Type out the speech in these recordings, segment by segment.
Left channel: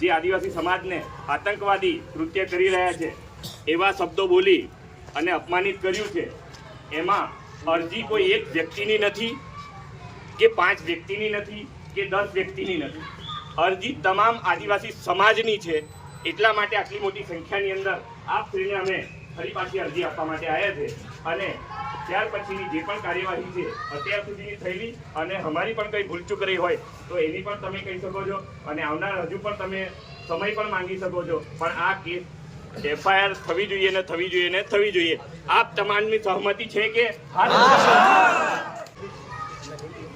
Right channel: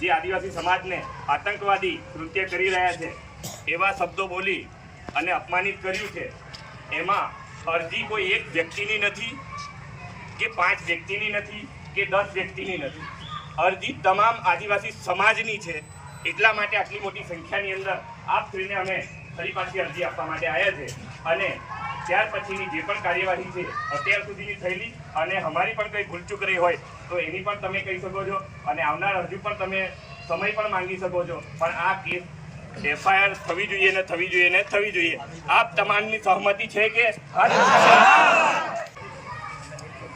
જે આદિવાસી સમાજને આતંકવાદી કૃત્ય કરી રહ્યા છે એવા શબ્દો બોલી અને અપમાનિત કર્યું છે, એમાં અરજી કોઈ એક વ્યક્તિની નથી કે 5 વ્યક્તિની નથી કે 10 વ્યક્તિની નથી, અરજી તમામ આદિવાસી સમાજની છે। એટલા માટે આટલી મોટી સંખ્યાની અંદર આપ શ્રીને અમે ફરી પાછી અરજી આપવા માટે આવ્યા છે અને ત્યાર પછીની જે પણ કાર્યવાહી છે અત્યાર સુધીની થયેલી અને અમારી પણ કંઈ ભૂલચૂક રહી હોય તો એની પણ તમે કહી શકો છો અને આવનાર હજુ પણ તમે સમય પણ માંગી શકો છો, પણ આ કેસ FIR થવી જોઈએ ને થવી જોઈએ ને થવી જોઈએ। આપ તમામની સહમતિ છે કે?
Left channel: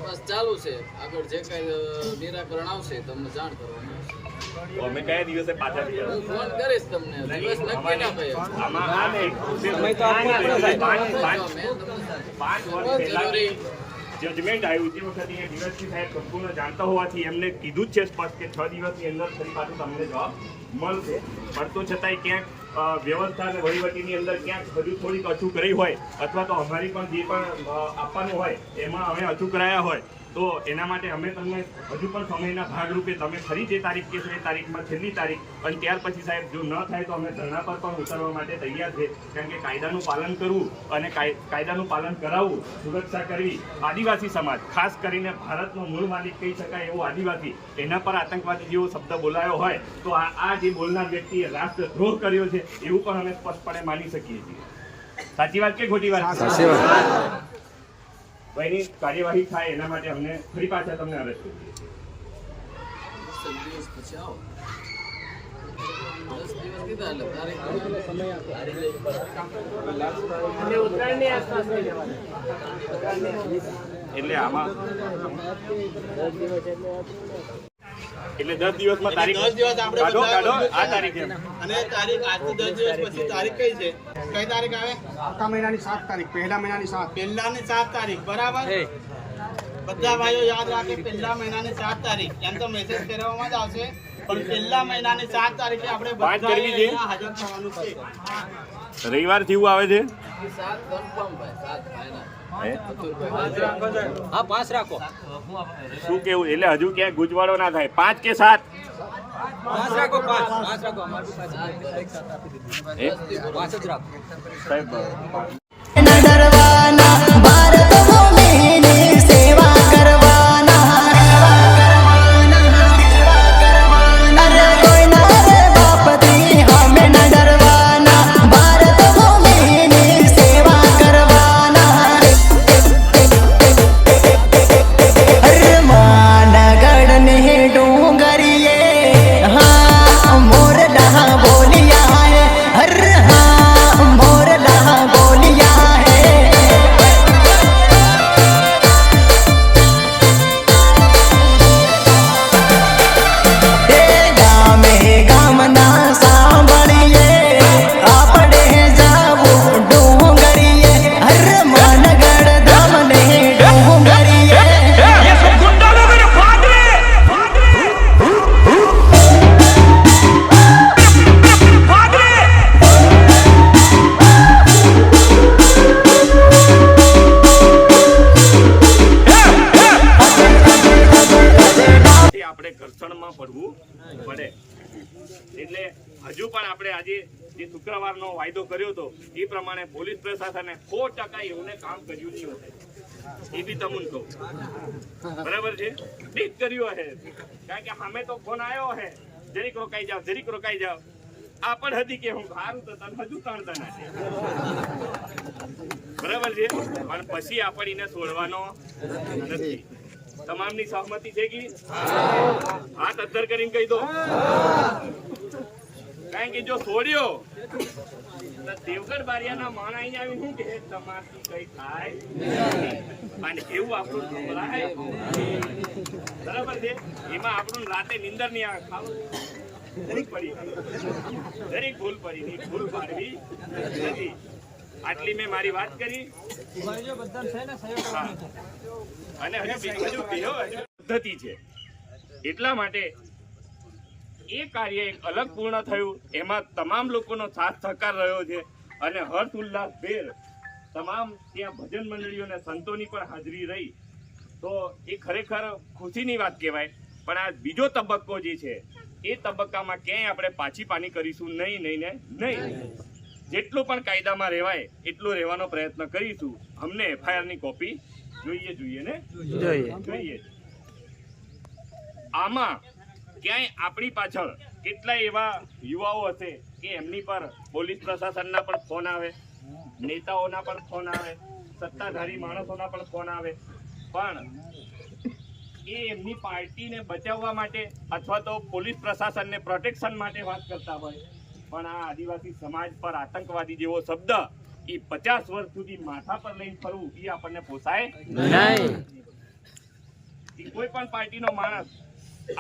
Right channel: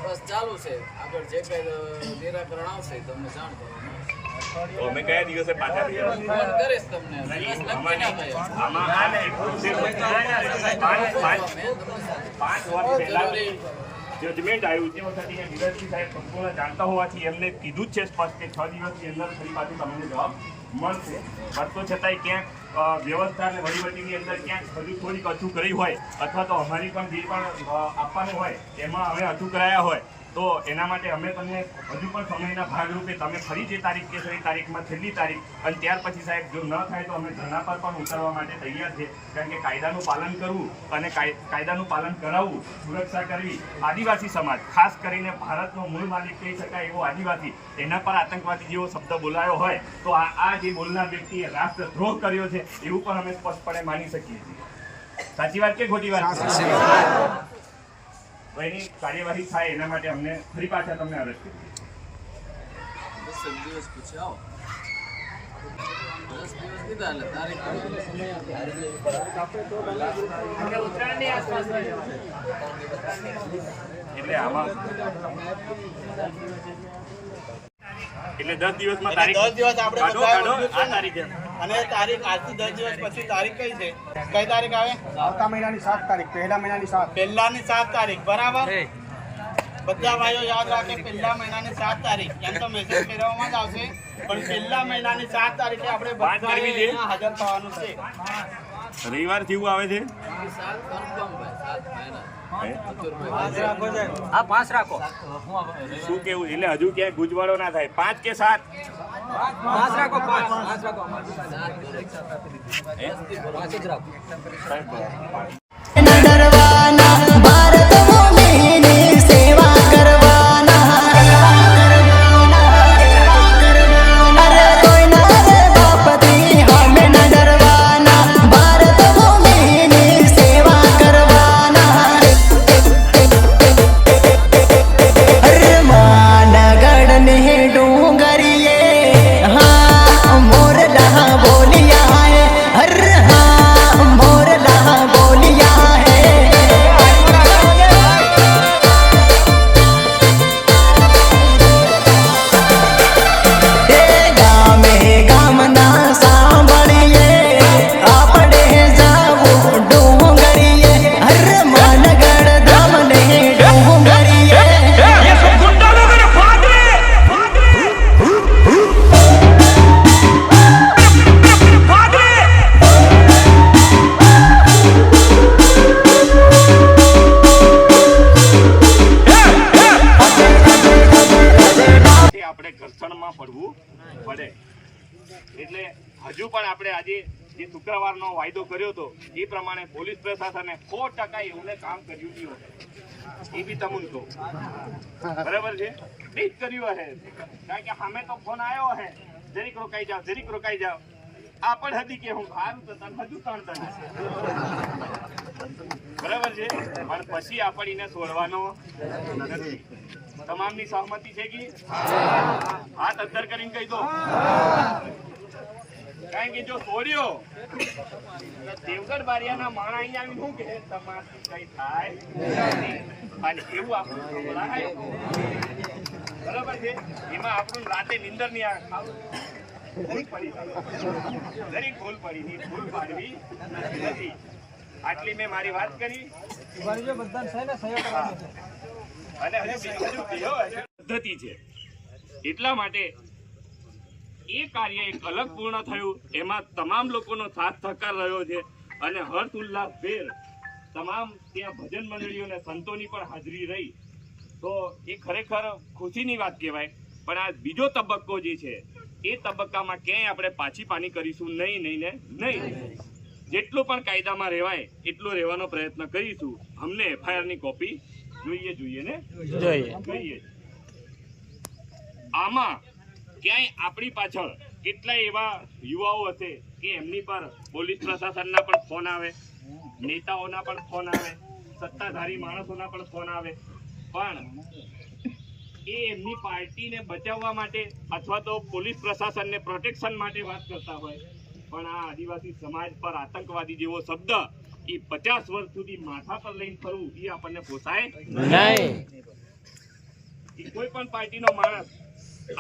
બસ ચાલુ છે, આગળ જે કઈ નિરાકરણ આવશે તમને જાણ કરવાનું આવશે। તો અમે કયા દિવસે પાછા હું ફોન કરીશ તમને, દિવસ નક્કી ના થયો આમાં આ એક પ્રોસેસ 5 વર્ષ પહેલા જજમેન્ટ આવ્યું તે વખતે અહીંયા ડીવાયએસપી સાહેબ સંપૂર્ણ જાણતા હોવાથી એમને કીધું જ છે સ્પષ્ટ કે 6 દિવસની અંદર ફરી પાછું તમને જવાબ મળશે, પણ તો છતાંય ક્યાંક વ્યવસ્થા અને વહીવટીની અંદર ક્યાંક હજુ થોડીક અચૂક રહી હોય અથવા તો અમારી પણ જે પણ આપવાનું હોય એમાં અમે અચૂક રહ્યા હોય તો એના માટે અમે તમને હજુ પણ સમયના ભાગરૂપે તમે ફરી જે તારીખ કહેશો એ તારીખમાં છેલ્લી તારીખ અને ત્યાર પછી સાહેબ જો ન થાય તો અમે ધરણા પર પણ ઉતરવા માટે તૈયાર છે, કારણ કે કાયદાનું પાલન કરવું અને કાયદાનું પાલન કરાવવું, સુરક્ષા કરવી, આદિવાસી સમાજ ખાસ કરીને ભારતનો મૂળ માલિક કહી શકાય એવો આદિવાસી એના પર આતંકવાદી જેવો શબ્દ બોલાયો હોય તો આ જે બોલનાર વ્યક્તિએ રાષ્ટ્રદ્રોહ કર્યો છે એવું પણ અમે સ્પષ્ટપણે માની શકીએ છીએ। સાચી વાત કે ખોટી વાત? સાચી વાત। એની કાર્યવાહી થાય એના માટે અમને ફરી પાછા તમને અરજ કરી 10 દિવસ પછી આવો, 10 દિવસ કીધા એટલે તારીખ એટલે આમાં એટલે 10 દિવસમાં તારીખ 10 દિવસ આપણે કાઢો આ તારીખે અને તારીખ આજથી 10 દિવસ પછી તારીખ કઈ છે? કઈ તારીખ આવે? આવતા મહિનાની 7 તારીખ, પહેલા મહિનાની 7 પહેલાની 7 તારીખ, બરાબર? બધા ભાઈઓ યાદ રાખે, પહેલા મહિનાની 7 તારીખ, એમ તો મેસેજ ફેરવવામાં જ આવશે, પણ પહેલા મહિનાની 7 તારીખે આપણે બધા અહીંયા હાજર થવાનું છે। રવિવાર થી આવે છે 7 કન્ફર્મ ભાઈ, 7 ફાઇનલ। હા 5 રાખો। શું કેવું એટલે હજુ ક્યાંય ગુજવાળો ના થાય? 5 કે 7? 5 રાખો, 5 રાખો, અમારી 5 જ રાખો સાહેબ भारत भूमि सेवा करवाना, अरे कोई ना रे बाप दी हमें न डरवाना, भारत भूमि सेवा करवाना। अरे मानगढ़ ने डूंगरिए हाँ मोरला बोलिया है, अरे हाँ मोरला बोलिया है। આપણે ઘર્ષણમાં પડવું પડે એટલે હજુ પણ આપણે આજે જે શુક્રવારનો વાયદો કર્યો હતો એ પ્રમાણે પોલીસ પ્રશાસને 100% એવું કામ કર્યું નહીં હોય એ બી તમને કહું, બરાબર છે? ઠીક કર્યું હે, કારણ કે સામે તો ફોન આવ્યો હે જરીક રોકાઈ જાઓ, આ પણ હતી કે હું સારું તો તને હજુ તણતા નથી, બરાબર છે? પણ પછી આપણને છોડવાનો નથી। તમામની સહમતિ છે કે હાથ અદ્ધર કરીને કહી દો, કારણ કે જો છોડ્યો તો દેવગઢ બારિયાના માણા અહીંયા આવીને શું કે તમારથી કઈ થાય અને એવું આપણું સંભળાય, બરાબર છે? એમાં આપણું રાતે નીંદર નહીં આવે, ભૂલ પડી, દરેક ભૂલ પડી, ભૂલ પાડવી નથી। આટલી મેં મારી વાત કરી અને હજુ પદ્ધતિ છે, એટલા માટે એ કાર્ય એક અલગ પૂર્ણ થયું, એમાં તમામ લોકોનો સાથ સહકાર રહ્યો છે અને હર્ષ ઉલ્લાસભેર તમામ ત્યાં ભજન મંડળીઓ અને સંતોની પણ હાજરી રહી, તો એ ખરેખર ખુશીની વાત કહેવાય। પણ આ બીજો તબક્કો જે છે એ તબક્કામાં ક્યાંય આપણે પાછી પાની કરીશું નહીં. જેટલું પણ કાયદામાં રહેવાય એટલું રહેવાનો પ્રયત્ન કરીશું. અમને FIR ની કોપી જોઈએ. આમાં ક્યાંય આપણી પાછળ કેટલાય એવા યુવાઓ હશે કે એમની પર પોલીસ પ્રશાસનના પણ ફોન આવે, નેતાઓના પણ ફોન આવે, સત્તાધારી માણસોના પણ ફોન આવે, પણ એ એમની પાર્ટીને બચાવવા માટે અથવા તો પોલીસ પ્રશાસનને પ્રોટેક્શન માટે વાત કરતા હોય, પણ આ આદિવાસી સમાજ પર આતંકવાદી જેવો શબ્દ એ 50 વર્ષ સુધી માથા પર લઈને ફરવું એ આપણને પોસાય નહીં. કોઈ પણ પાર્ટીનો માણસ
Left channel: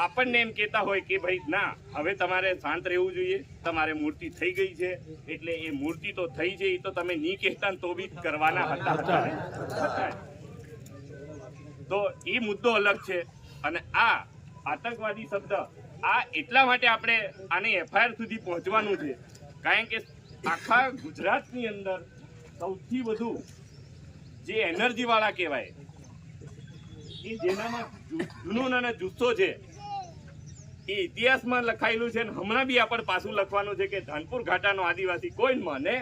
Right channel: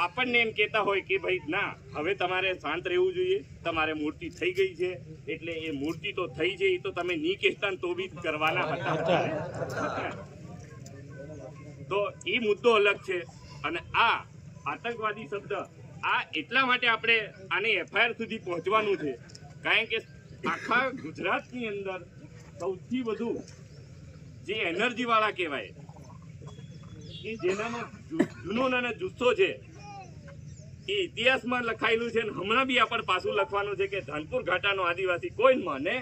આપણને એમ કહેતા હોય કે ભાઈ ના, હવે તમારે શાંત રહેવું જોઈએ, તમારે મૂર્તિ થઈ ગઈ છે એટલે એ મૂર્તિ તો થઈ છે, એ તો તમે નહીં કહેતા તો બી કરવાના હતા. તો એ મુદ્દો અલગ છે. અને આ આતંકવાદી શબ્દ આ એટલા માટે આપણે આને FIR સુધી પહોંચવાનું છે કારણ કે આખા ગુજરાતની અંદર સૌથી વધુ જે એનર્જી વાળા કહેવાય એ જેનામાં જુનૂન અને જુસ્સો છે એ ઇતિહાસમાં લખાયેલું છે. હમણાં બી આપણે પાછું લખવાનું છે કે ધાનપુર ઘાટાનો આદિવાસી કોઈ માને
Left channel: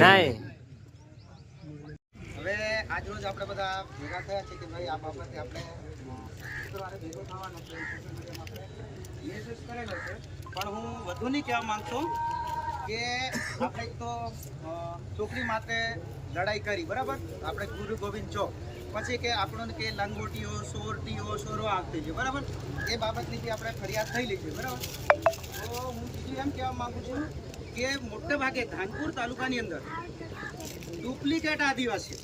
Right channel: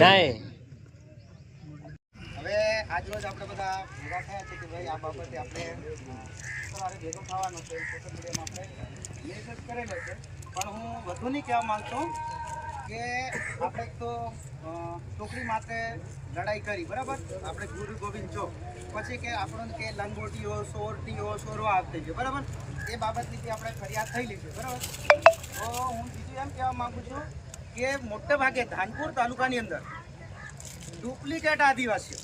નહીં. હવે આજ રોજ આપણે બધા ભેગા થયા છે કે ભાઈ આ બાબતે આપણે શુક્રવારે ભેગો થવાનો છે. સોશિયલ મીડિયામાં આપણે મેસેજ કરેલો છે, પણ હું વધુ નહીં કહેવા માંગતો કે આપણે એક તો છોકરી માટે લડાઈ કરી, બરાબર, આપણે ગુરુ ગોવિંદ ચોક, પછી કે આપણને કે લંગોટીઓ, સોરવા આપતી છે, બરાબર, એ બાબતની બી આપણે ફરિયાદ થયેલી છે, બરાબર. તો હું બીજું એમ કહેવા માગું છું કે મોટે ભાગે ધાનપુર તાલુકાની અંદર ડુપ્લિકેટ આદિવાસીઓ,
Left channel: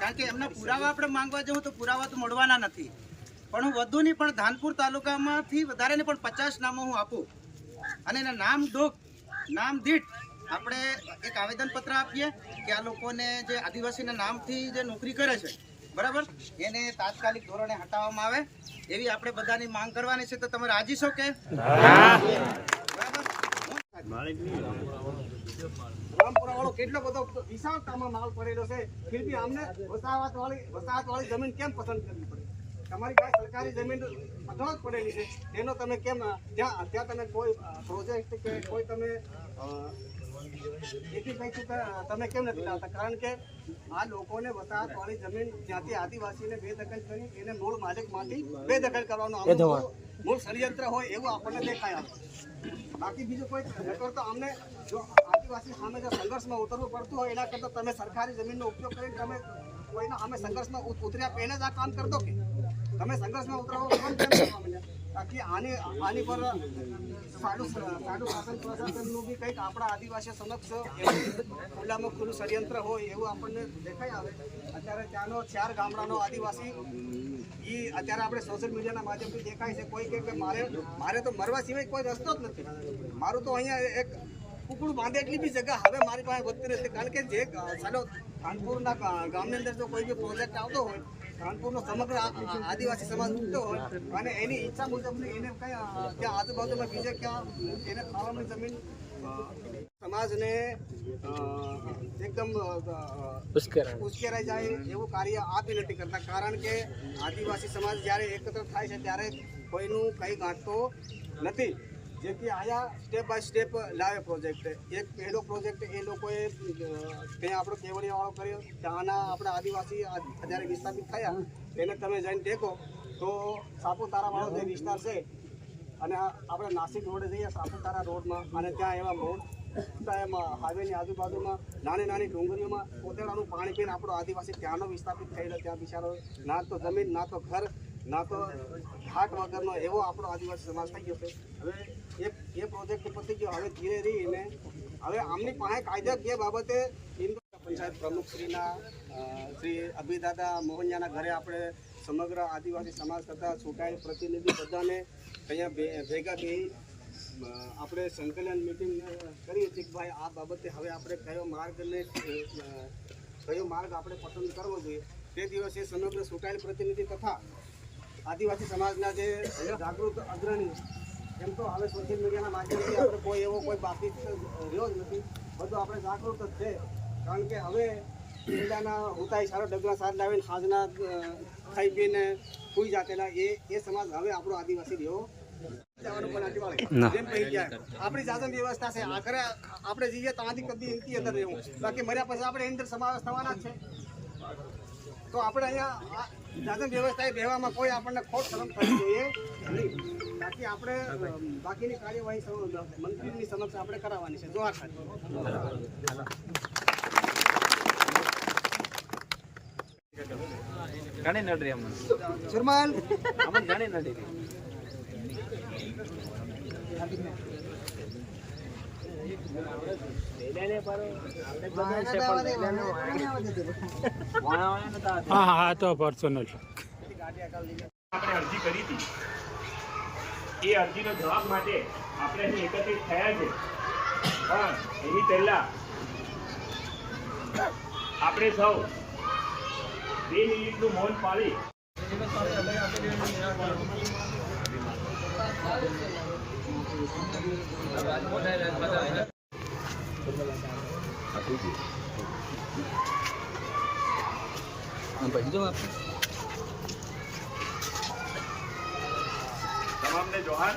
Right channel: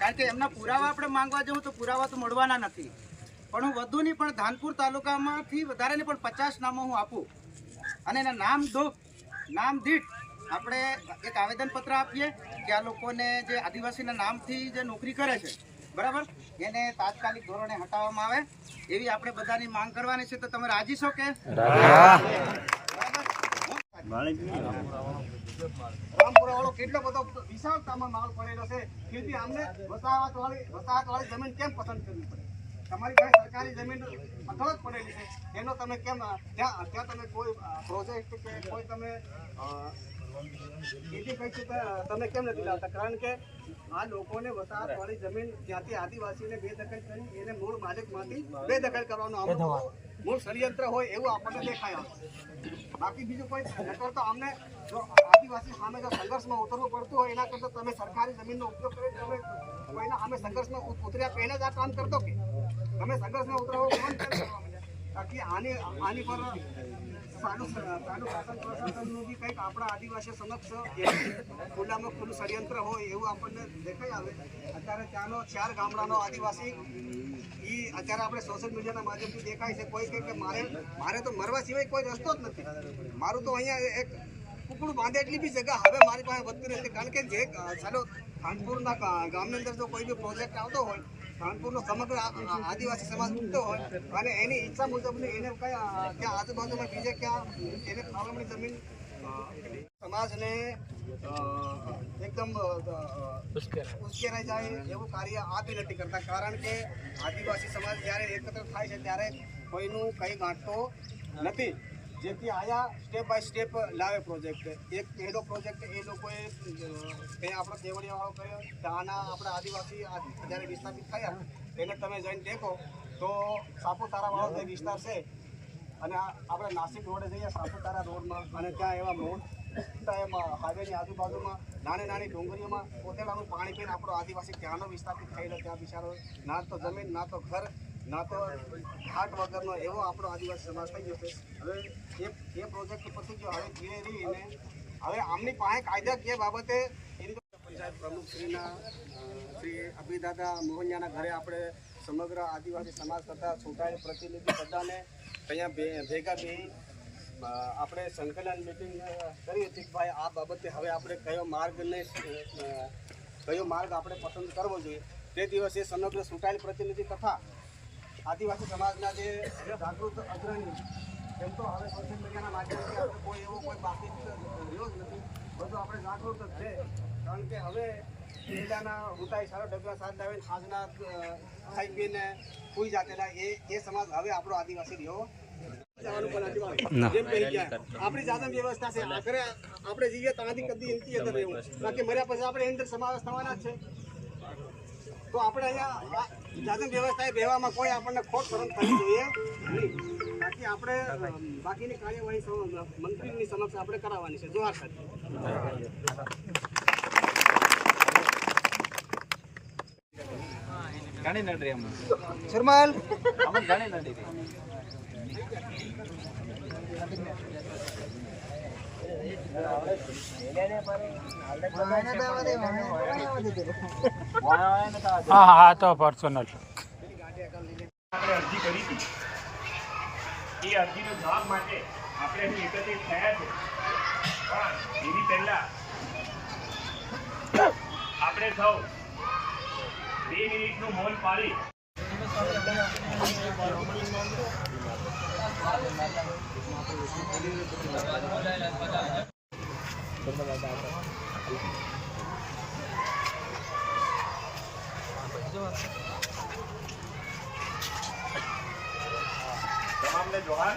કારણ કે એમના પુરાવા આપણે માંગવા જવું તો પુરાવા તો મળવાના નથી, પણ હું વધુ નહીં પણ ધાનપુર તાલુકામાંથી વધારે નહીં પણ 50 નામો હું આપું અને એના નામ દીઠ આપણે એક આવેદનપત્ર આપીએ કે આ લોકોને જે આદિવાસીના નામથી જે નોકરી કરે છે, બરાબર, એને તાત્કાલિક ધોરણે હટાવવામાં આવે એવી આપણે બધાની માંગ કરવાની છે. તો તમે રાજી છો કે? બરાબર. રામપુરા વાળો કેટલો બધો વિશાળતામાં માલ પડેલો છે, ફિર બી અમને વસાહત વાળી જમીન કેમ પસંદ કરવી પડે? તમારી પાસે સરકારી જમીન અઢળક જ પડેલી છે, એનો તમે કેમ ત્યાં તમે કોઈ પ્રોજેક્ટ કે કોઈ તમે ખેતી કઈ તમે કેમ નથી લાવતા? કારણ કે આ લોકોને વસાહત વાળી જમીન જ્યાંથી આદિવાસીને બેદખલ કરી એને મૂળ માલિકમાંથી બેદખલ કરવાનો મૂળ ષડયંત્ર હોય એવું આપણને દેખાય આવે. બાકી બીજું કોઈ નકર તો અમને જો આદિવાસી સામે જો સંઘર્ષમાં ઉતરવું પડતું હોય એના કરતાં તમે સરકારી જમીનનો ઉપયોગ કરીને તમે કોઈના સામે સંઘર્ષમાં ઉતર્યા પહેલા જ આ કામ કરતો કે તમે સંઘર્ષમાં ઉતરવો કામ કેમ કરવા માંડ્યા? બાકી આની પર સારું શાસન પ્રશાસનનું બી કંઈક આપણા આદિવાસીઓ સમક્ષ ખુલ્લામાં ખુલ્લું ષડયંત્ર હોય એવું આપણને દેખાઈ આવે. અત્યારે ત્યાંનો 4 ગામડાનો આદિવાસી એ અત્યારે આપણે સોશિયલ મીડિયાના માધ્યમથી દેખાય છે. કોઈ કહે કે મારે તો મરવા સિવાય કોઈ રસ્તો જ નથી, મારું તો અહીંયા એક કુકડું બાંધે એટલી બી જગ્યા હવે મારી પાસે વધતી નથી. કારણ કે જે ચાલો ધાનપુરના ગામની અંદર જો કોઈ બી પ્રોજેક્ટ આવતો હોય, ધાનપુરનો સમગ્ર આદિવાસી સમાજ ઉઠતો હોય અને એની ઈચ્છા મુજબની એને ક્યાં આજુબાજુમાં બીજે ક્યાં એને ફાળવણી જમીન સમાજને એકદમ ઉશ્કેરાઈ જાય એવું કાર્ય આપી નથી કરતા. કારણ કે આદિવાસી સમાજ જ્યારે એકત્ર થાય છે ત્યારે કોઈનું કંઈ ગાંઠતો નથી, જેથી આયા સ્ટેપ બાય સ્ટેપ લાવે પ્રોજેક્ટ. એક પહેલો પ્રોજેક્ટ એ લોકોએ ત્યાં આપણો કેવડિયાવાળો કર્યો, ત્યાંના આપણા આદિવાસી જ્યારે વિસ્થાપિત થયા એને તમે જઈને દેખો તો સાપુતારાવાળો જે વિસ્તાર છે અને આપણે નાસિક રોડે જઈએ સાપુતારા રોડમાં અને ત્યાં એવા મોટા હાઈવેની આજુબાજુમાં નાની ડુંગરીઓમાં પોતેડાનું પાણી પીને આપણો આદિવાસી ત્યાંનો વિસ્થાપિત થયેલો, ત્યાં બિચારો ના તો જમીન ના તો ઘર ના તો હાટ વગરનો એવો આપણો આદિવાસી સમાજ થઈ ગયો છે. હવે એ પ્રોજેક્ટ પતી ગયો, હવે ધીરે ધીરે હવે આમની પાસે કાયદાકીય બાબતે પંચાયત પ્રમુખશ્રીના શ્રી અભિદાદા મોહનિયાના ઘરે આપણે સમગ્ર આદિવાસી સમાજ તથા ચૂંટાયેલ પ્રતિનિધિ બધાને અહીંયા ભેગા થઈ આપણે સંકલન મિટિંગ કરી હતી કે ભાઈ આ બાબતે હવે આપણે કયો માર્ગ આપણે પસંદ કરવો જોઈએ. તે દિવસે સમગ્ર ચૂંટાયેલ પ્રતિનિધિ તથા આદિવાસી સમાજના જે જાગૃત અગ્રણીઓ એમ તો હવે સોશિયલ મીડિયાના માધ્યમથી આપણે કોઈ એવો કોઈ બાકી રહ્યો જ નથી, બધું આપણે જાગૃત જ છે. કારણ કે હવે પહેલાના ઉતાઈ સારો ડગલા સાર લાવીને સાંજના ખાઈ પીને સુઈ જાતેલા એ સમાજ હવે આપણો આદિવાસી રહ્યો જવાનું પણ નથી મળે. જેમ કહી ગયા આપણી જાતની વ્યવસ્થા છે આગળ આપણે જઈએ ત્યાંથી કદી એમથી અંદર રહેવું બાકી મર્યા પછી આપણે એની અંદર સમાવેશ થવાના જ છે. તો આપણે અહીંયા જાતની વ્યવસ્થા રહેવામાં કોઈ આપણને ખોટ શરમ થવી જોઈએ નહીં. બાકી આપણે બાકીની કાર્યવાહી મંત્રીની સમક્ષ આપણે કરાવવાની છે. જોહાર સાથે ઘણી નડરી અમને શર્માલ અમને ઘણી નડરી હા તો પર્સનલ આપણે અરજી કરી હતી એ અરજીનો જવાબ માટે આપણે અહીં એકત્રિત થયા છે પણ એની પહેલા આપણે સૌ 2 મિનિટનું મૌન પાળી તમામને જોહાર.